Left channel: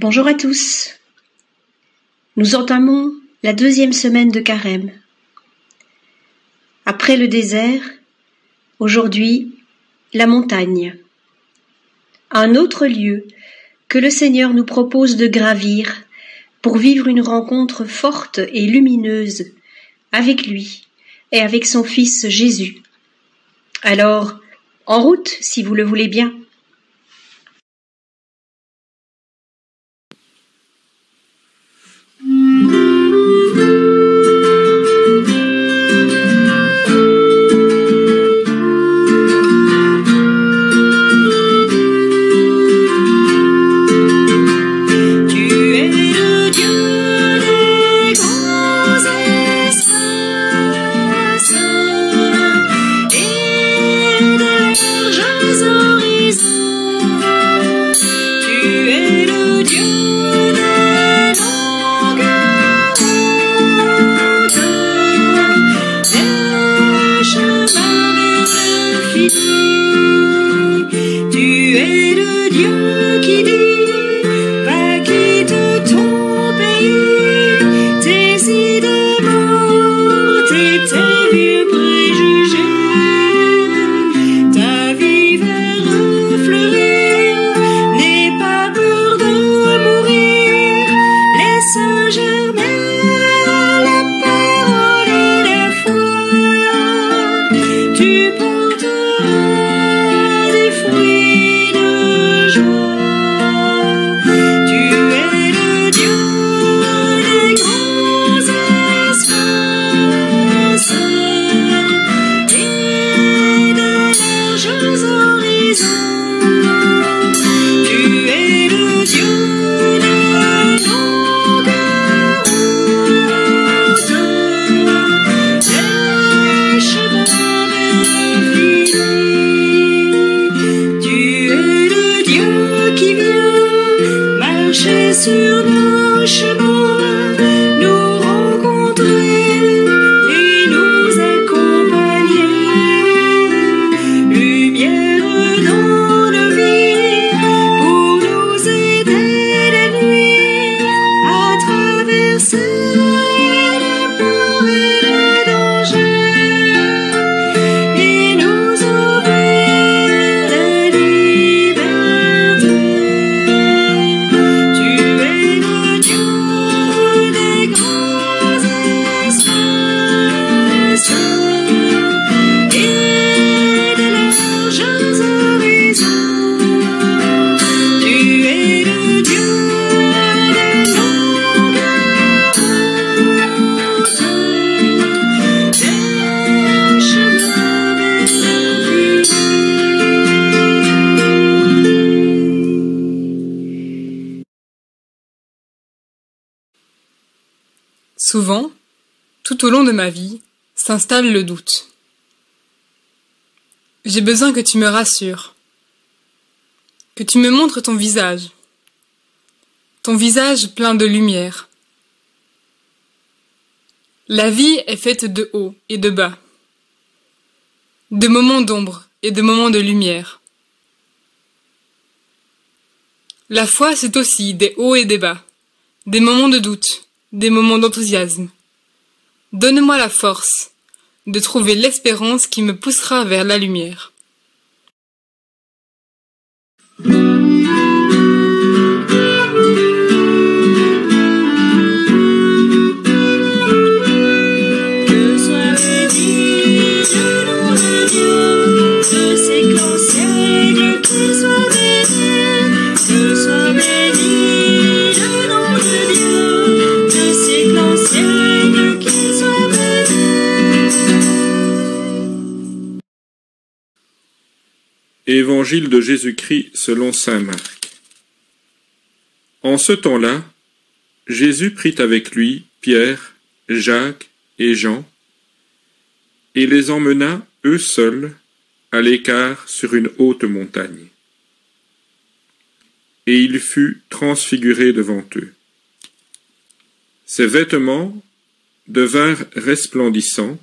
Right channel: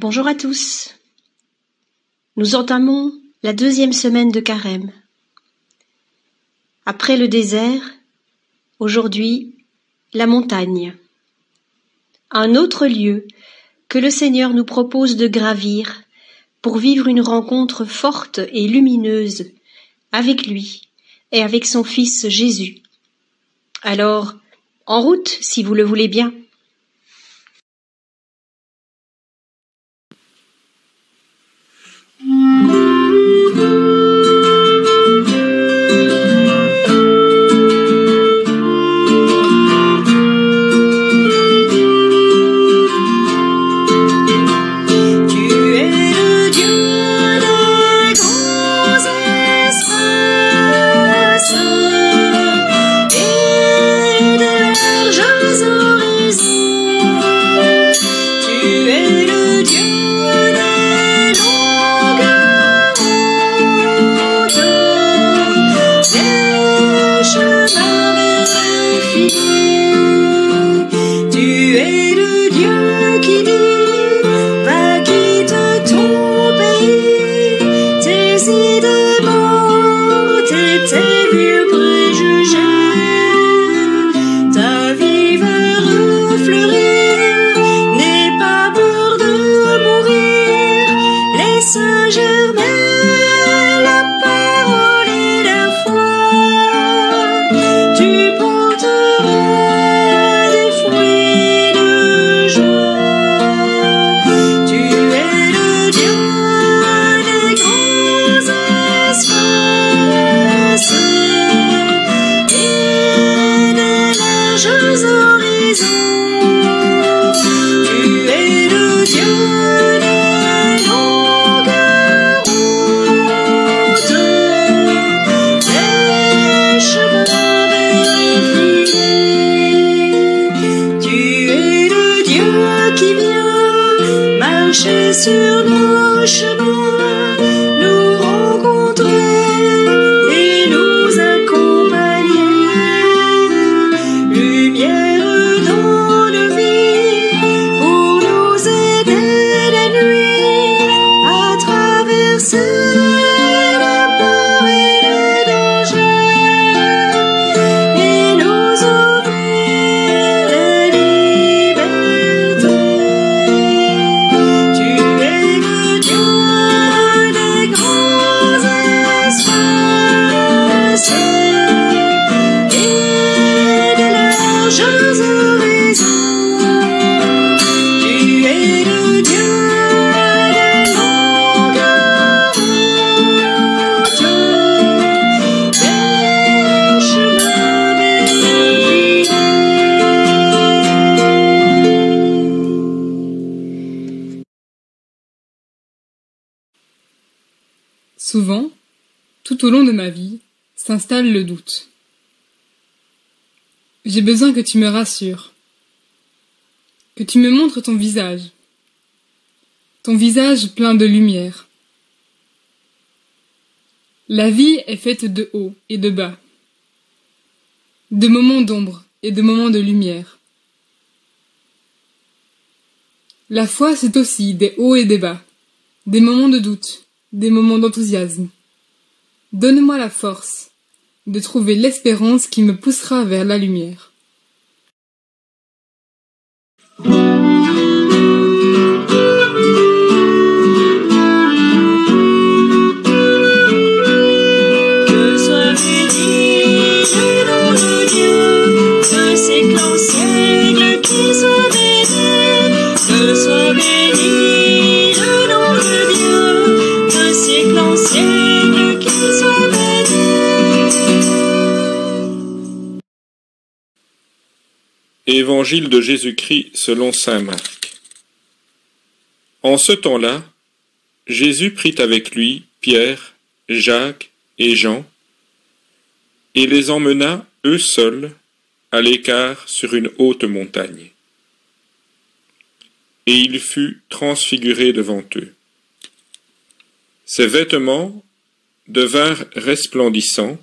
Bonjour à tous. Nous entamons la 2e semaine de Carême. Après le désert, aujourd'hui, la montagne. Un autre lieu que le Seigneur nous propose de gravir pour vivre une rencontre forte et lumineuse avec lui et avec son Fils Jésus. Alors, en route si vous le voulez bien. Sur nos chemins, nous rencontrer et nous accompagner. Lumière dans nos vies pour nous aider la nuit à traverser les peurs et les dangers et nous ouvrir la liberté. Souvent, tout au long de ma vie, s'installe le doute. J'ai besoin que tu me rassures, que tu me montres ton visage plein de lumière. La vie est faite de haut et de bas, de moments d'ombre et de moments de lumière. La foi, c'est aussi des hauts et des bas, des moments de doute, des moments d'enthousiasme. Donne-moi la force de trouver l'espérance qui me poussera vers la lumière. Que soit béni le nom de Dieu, de siècle en siècle qu'il soit béni, que soit béni le nom de Dieu, de siècle en siècle qu'il soit béni. Évangile de Jésus-Christ selon saint Marc. En ce temps-là, Jésus prit avec lui Pierre, Jacques et Jean, et les emmena, eux seuls, à l'écart sur une haute montagne. Et il fut transfiguré devant eux. Ses vêtements devinrent resplendissants,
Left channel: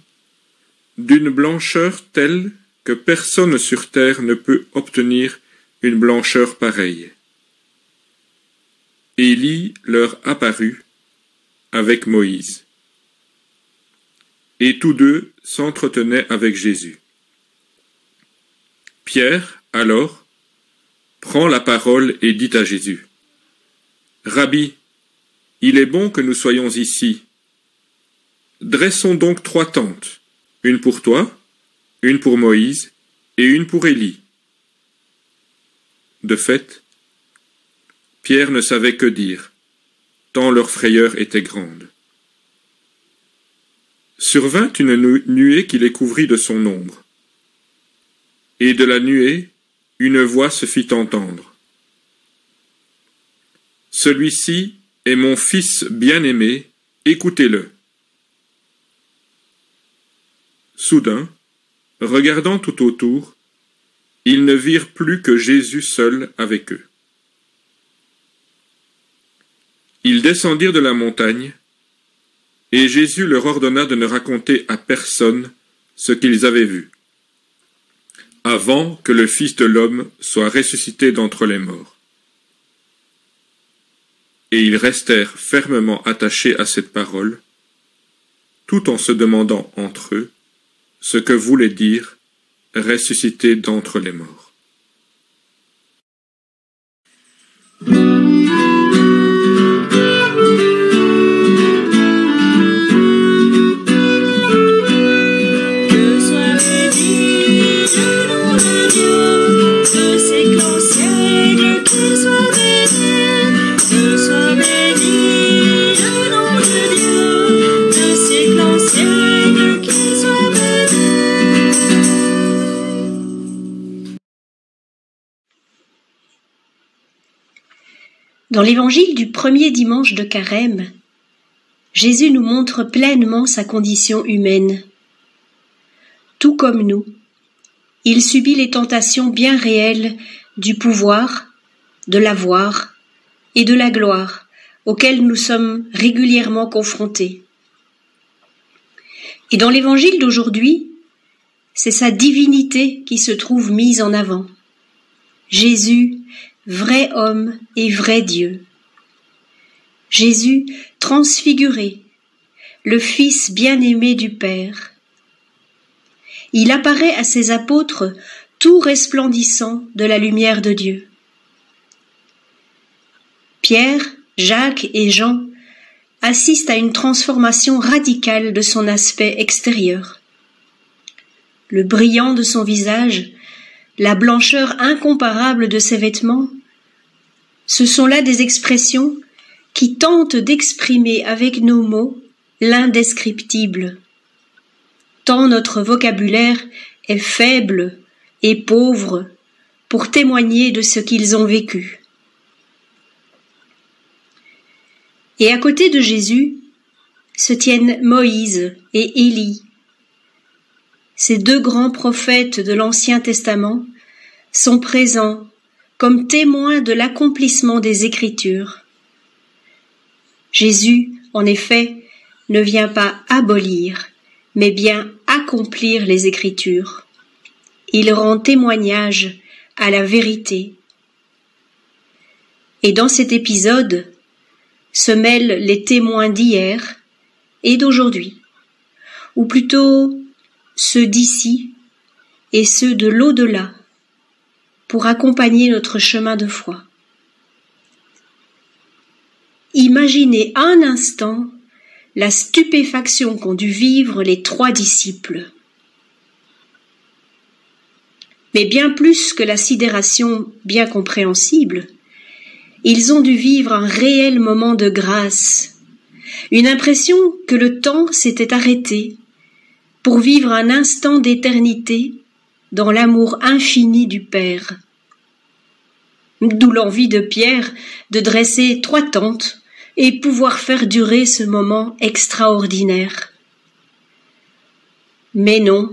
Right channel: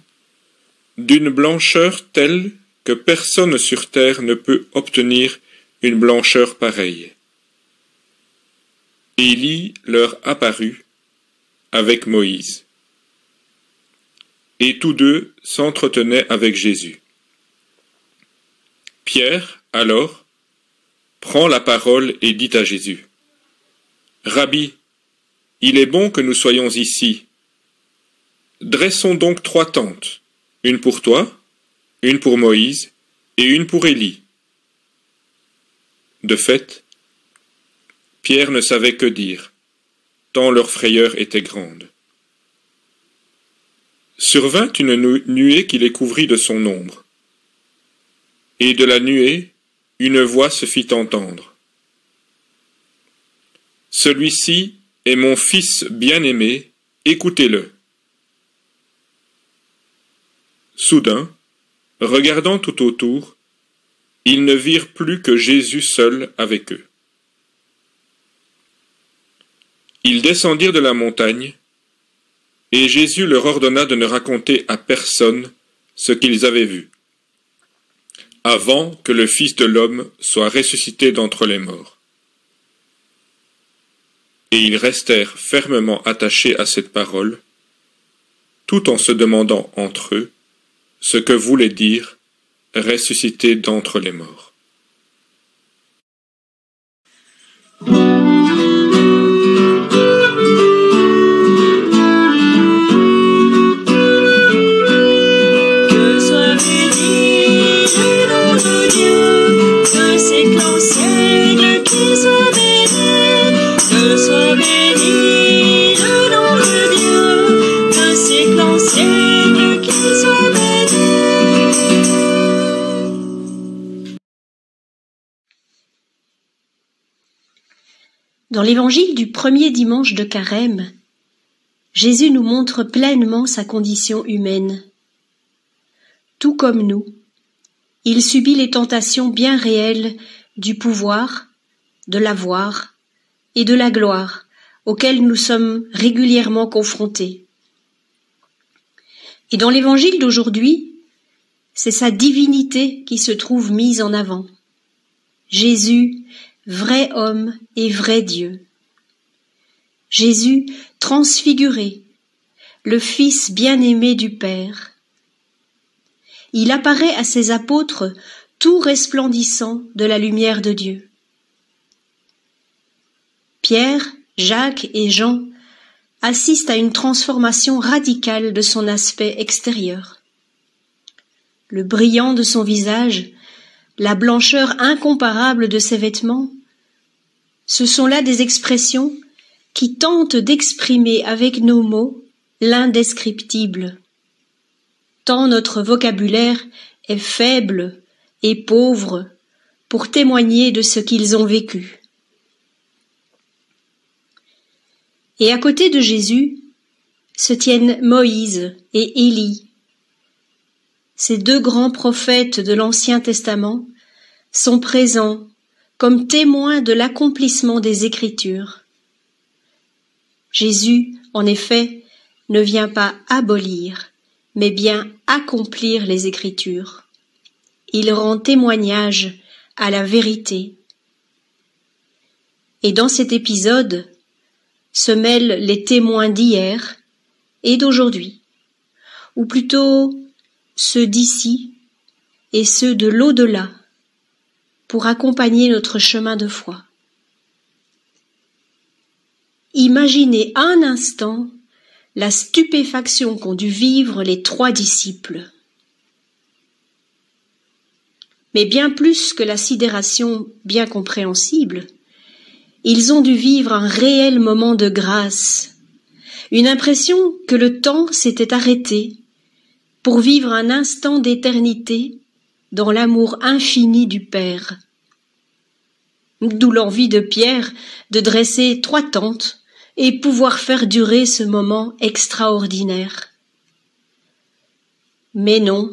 d'une blancheur telle que personne sur terre ne peut obtenir une blancheur pareille. Élie leur apparut avec Moïse. Et tous deux s'entretenaient avec Jésus. Pierre, alors, prend la parole et dit à Jésus, « Rabbi, il est bon que nous soyons ici. Dressons donc 3 tentes, une pour toi, une pour Moïse et une pour Élie. » De fait, Pierre ne savait que dire, tant leur frayeur était grande. Survint une nuée qui les couvrit de son ombre. Et de la nuée, une voix se fit entendre. « Celui-ci est mon fils bien-aimé, écoutez-le. » Soudain, regardant tout autour, ils ne virent plus que Jésus seul avec eux. Ils descendirent de la montagne, et Jésus leur ordonna de ne raconter à personne ce qu'ils avaient vu, avant que le Fils de l'homme soit ressuscité d'entre les morts. Et ils restèrent fermement attachés à cette parole, tout en se demandant entre eux ce que voulait dire « ressuscité d'entre les morts ». Dans l'évangile du premier dimanche de Carême, Jésus nous montre pleinement sa condition humaine. Tout comme nous, il subit les tentations bien réelles du pouvoir, de l'avoir et de la gloire auxquelles nous sommes régulièrement confrontés. Et dans l'évangile d'aujourd'hui, c'est sa divinité qui se trouve mise en avant. Jésus, vrai homme et vrai Dieu. Jésus transfiguré, le Fils bien-aimé du Père. Il apparaît à ses apôtres tout resplendissant de la lumière de Dieu. Pierre, Jacques et Jean assistent à une transformation radicale de son aspect extérieur. Le brillant de son visage, la blancheur incomparable de ses vêtements, ce sont là des expressions qui tentent d'exprimer avec nos mots l'indescriptible. Tant notre vocabulaire est faible et pauvre pour témoigner de ce qu'ils ont vécu. Et à côté de Jésus se tiennent Moïse et Élie. Ces 2 grands prophètes de l'Ancien Testament sont présents comme témoins de l'accomplissement des Écritures. Jésus, en effet, ne vient pas abolir, mais bien accomplir les Écritures. Il rend témoignage à la vérité. Et dans cet épisode se mêlent les témoins d'hier et d'aujourd'hui, ou plutôt ceux d'ici et ceux de l'au-delà, pour accompagner notre chemin de foi. Imaginez un instant la stupéfaction qu'ont dû vivre les 3 disciples. Mais bien plus que la sidération bien compréhensible, ils ont dû vivre un réel moment de grâce, une impression que le temps s'était arrêté pour vivre un instant d'éternité dans l'amour infini du Père. D'où l'envie de Pierre de dresser 3 tentes et pouvoir faire durer ce moment extraordinaire. Mais non,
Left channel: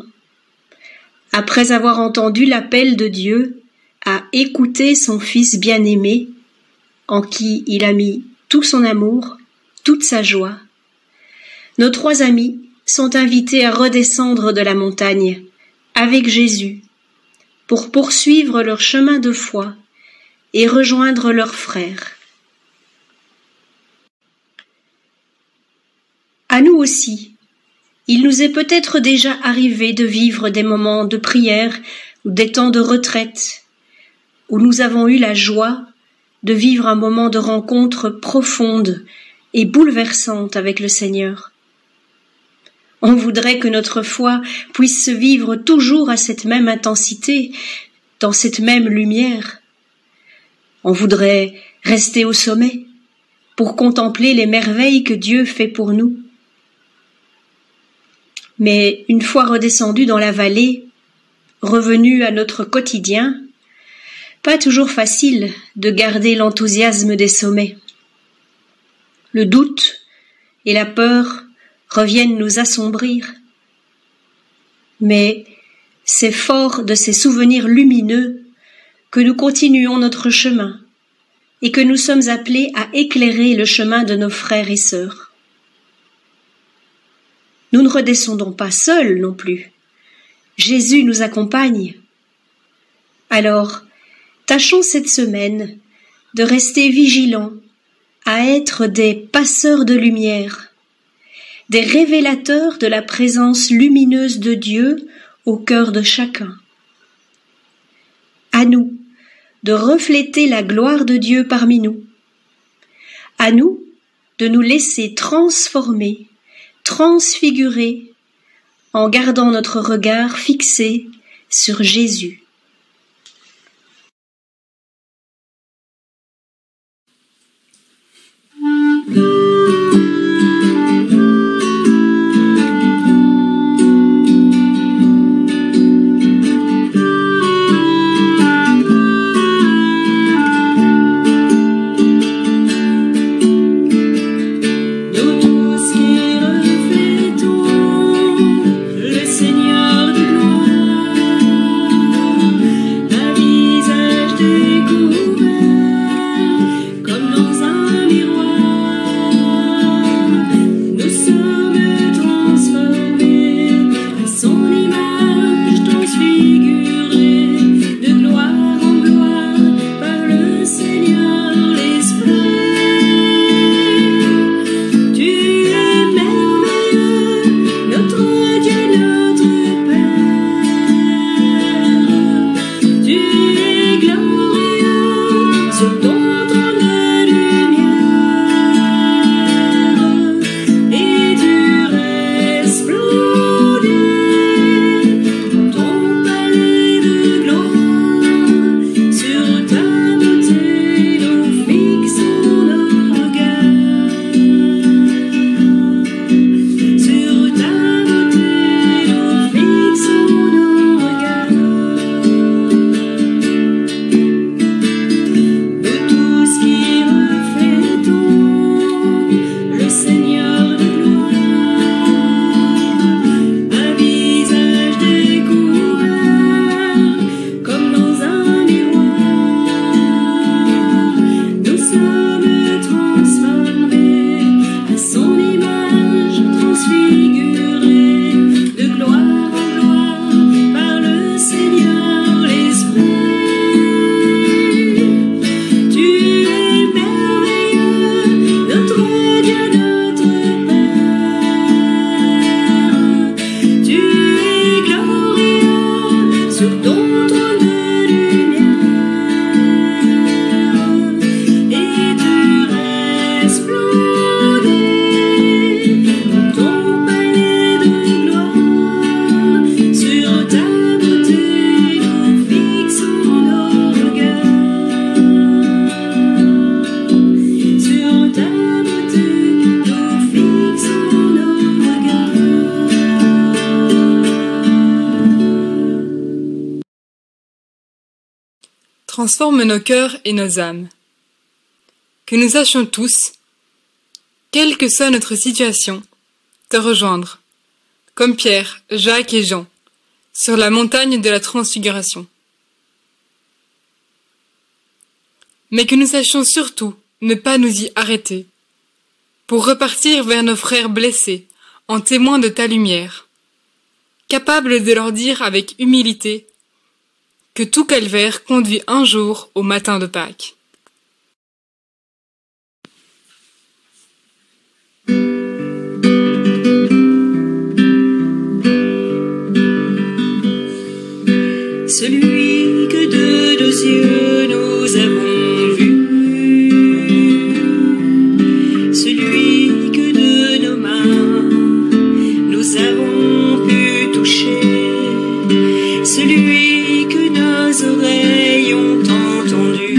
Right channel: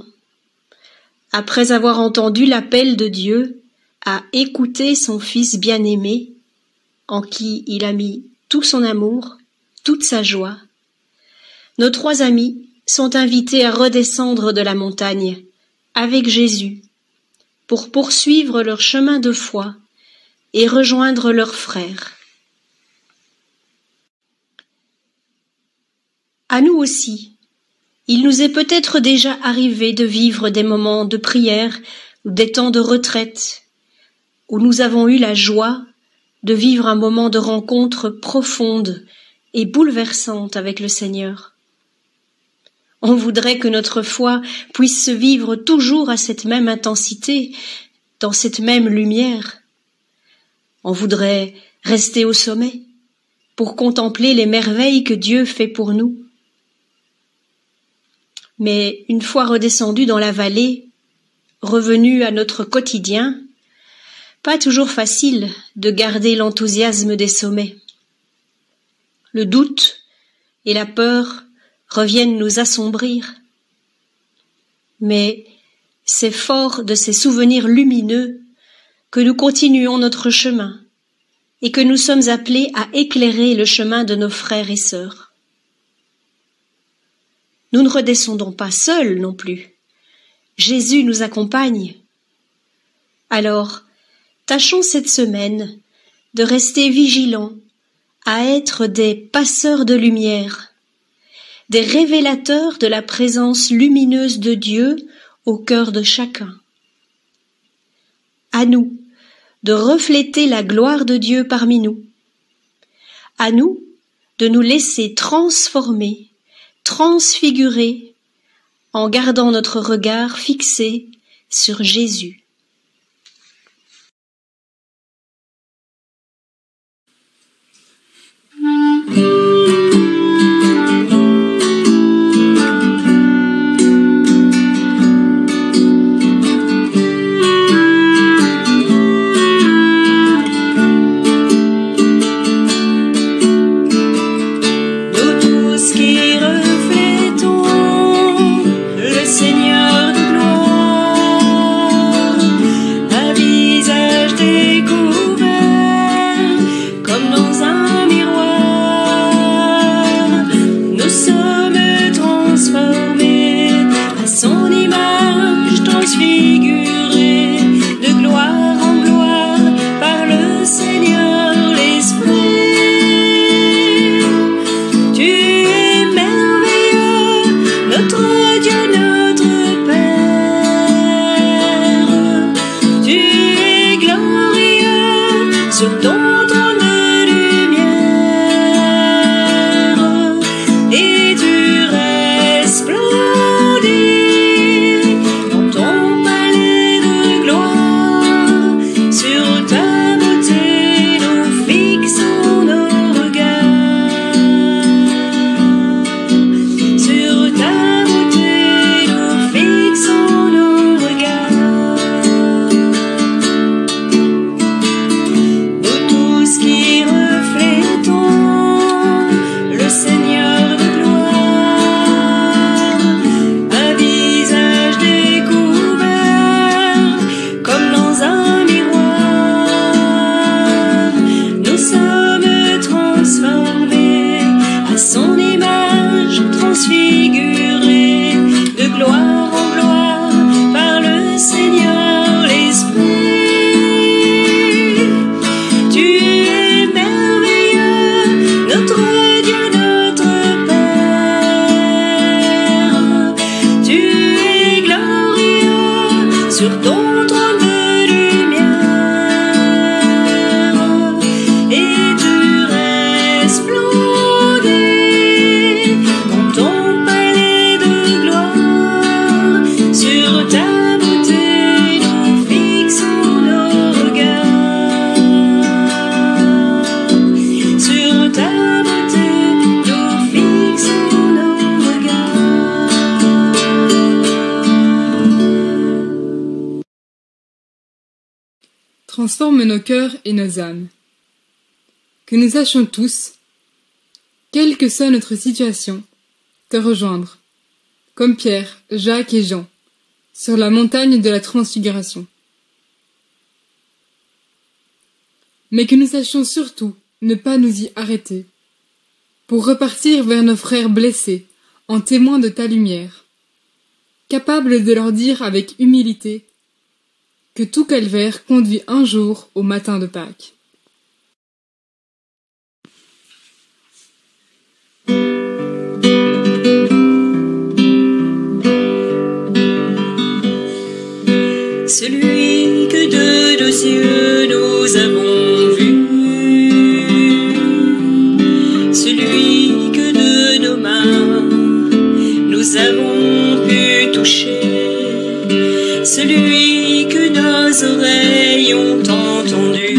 après avoir entendu l'appel de Dieu à écouter son Fils bien-aimé, en qui il a mis tout son amour, toute sa joie, nos 3 amis sont invités à redescendre de la montagne avec Jésus pour poursuivre leur chemin de foi et rejoindre leurs frères. aussi, il nous est peut-être déjà arrivé de vivre des moments de prière ou des temps de retraite, où nous avons eu la joie de vivre un moment de rencontre profonde et bouleversante avec le Seigneur. On voudrait que notre foi puisse se vivre toujours à cette même intensité, dans cette même lumière. On voudrait rester au sommet pour contempler les merveilles que Dieu fait pour nous. Mais une fois redescendus dans la vallée, revenus à notre quotidien, pas toujours facile de garder l'enthousiasme des sommets. Le doute et la peur reviennent nous assombrir. Mais c'est fort de ces souvenirs lumineux que nous continuons notre chemin et que nous sommes appelés à éclairer le chemin de nos frères et sœurs. Nous ne redescendons pas seuls non plus. Jésus nous accompagne. Alors, tâchons cette semaine de rester vigilants, à être des passeurs de lumière, des révélateurs de la présence lumineuse de Dieu au cœur de chacun. À nous de refléter la gloire de Dieu parmi nous. À nous de nous laisser transformer, transfigurer, en gardant notre regard fixé sur Jésus. Transforme nos cœurs et nos âmes. Que nous sachions tous, quelle que soit notre situation, te rejoindre, comme Pierre, Jacques et Jean, sur la montagne de la transfiguration. Mais que nous sachions surtout ne pas nous y arrêter, pour repartir vers nos frères blessés, en témoins de ta lumière, capables de leur dire avec humilité que tout calvaire conduit un jour au matin de Pâques. celui que de nos yeux nous avons vu, celui que de nos mains nous avons pu toucher, celui que nos oreilles ont entendu,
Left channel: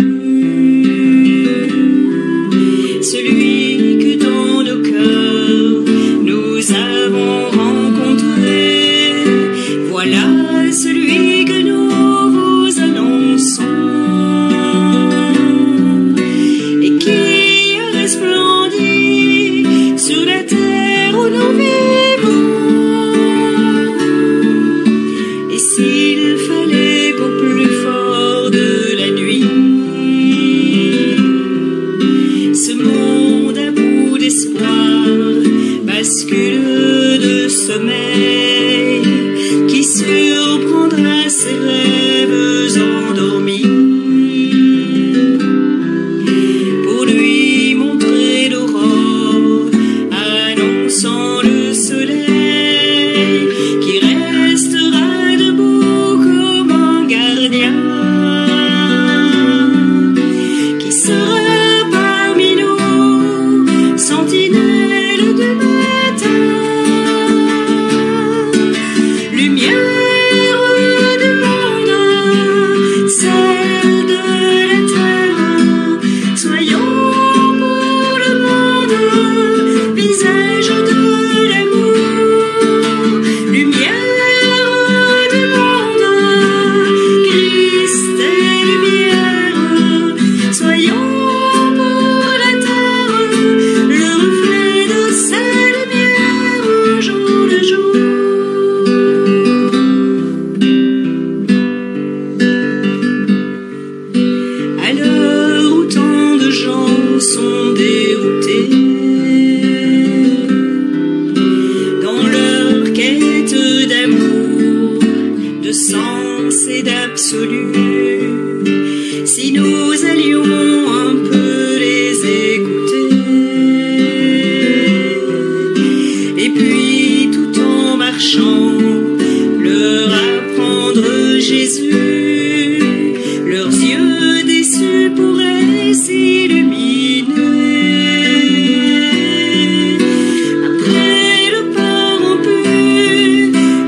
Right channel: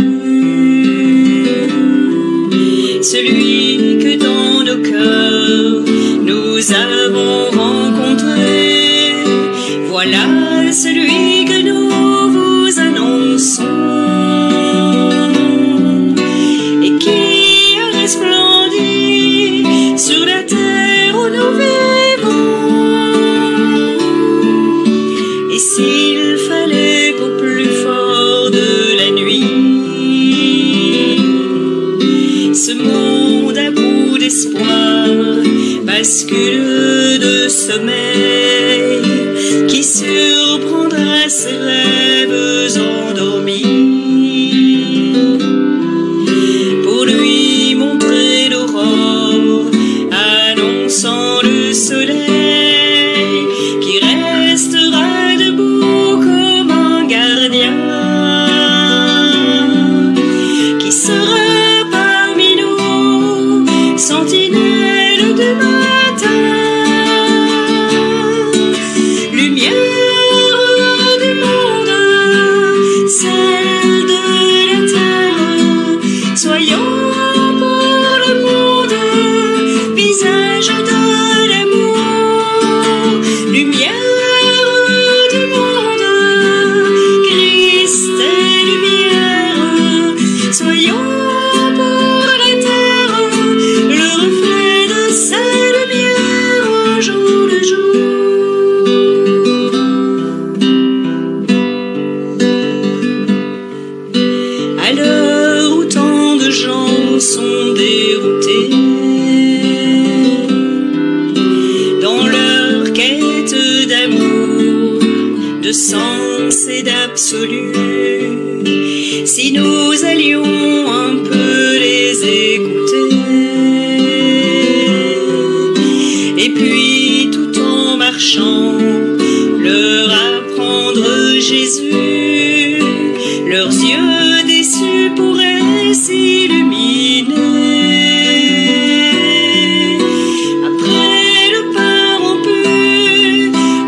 celui que dans nos cœurs nous avons rencontré. Voilà celui que nous vous annonçons et qui a resplendi sur la terre où nous vivons. Et s'il fallait qu'au plus fort de la nuit, ce monde à bout d'espoir bascule de sommeil, qui surprendra ses rêves endormis, pour lui montrer l'aurore annonçant le soleil, qui restera debout comme un gardien, qui sera parmi nous, sentinelle du matin, lumière du monde, celle de la terre. Soyons pour le monde visage de l'amour, lumière du monde, Christ est lumière. Soyons pour la terre le reflet de sa lumière au jour le jour. À l'heure où tant de gens sont déroutés dans leur quête d'amour, de sens et d'absolu, si nous allions un peu les écouter, et puis tout en marchant leur apprendre Jésus, leurs yeux déçus pourraient s'illuminer. Après le pain rompu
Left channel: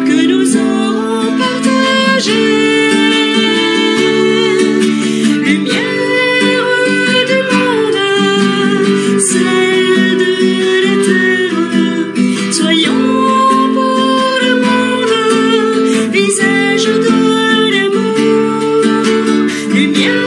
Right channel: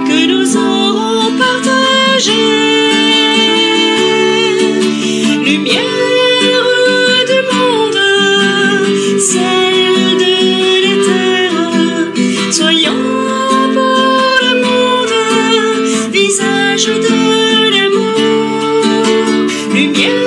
que nous aurons partagé, lumière du monde, celle de la terre. Soyons pour le monde visage de l'amour, lumière